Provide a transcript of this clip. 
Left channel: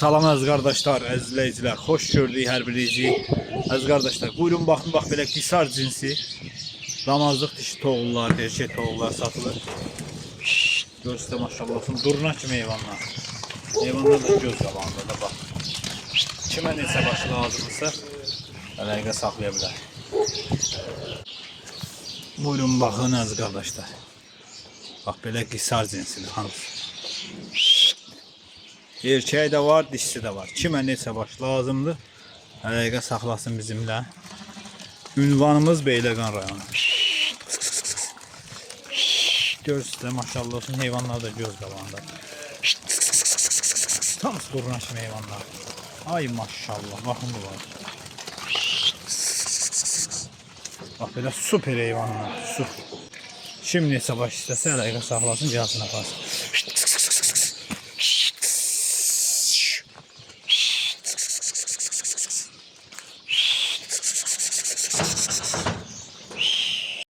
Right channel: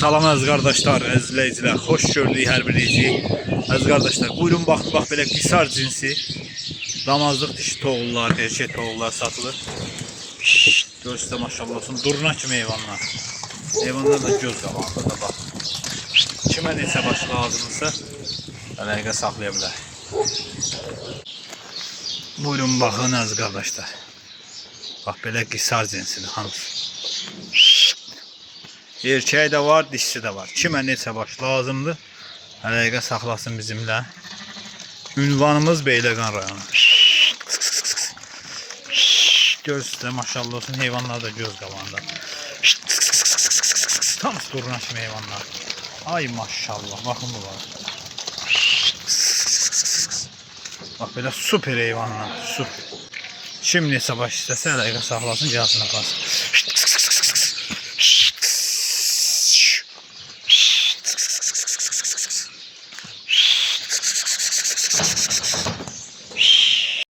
Salam əziz qardaşlar, əziz izləyicilər, xoş gördük hər birinizi. Əziz qardaşlar, buyurun baxın, bax belə qisar cinsi damazlıq dişi toğullar, erkək toğullar satılır. Görürsünüz də maşallah olsun, durna kimi heyvanlar. Heyvanlar da göz qabağında da bax. Kimə neçə başı lazımdırsa, əlaqə saxlaya bilər. Buyurun baxın əziz qardaşlar. Bax belə qisar cinsidir, hamısı. Erkeği de var, dişisi de var. Kimə neçə baş lazımdır, əlaqə saxlasın bizimlə. Ünvanımız Beyləqan rayonu. Görürsünüz də maşallah olsun, heyvanlar da göz qabağında. Tam duruna kimi heyvanlar. Ay maşallah, baxın bu var. Bax belə super heyvanlar, super. Kim neçə baş istəsə əlaqə saxlasın, gəlsin aparsın.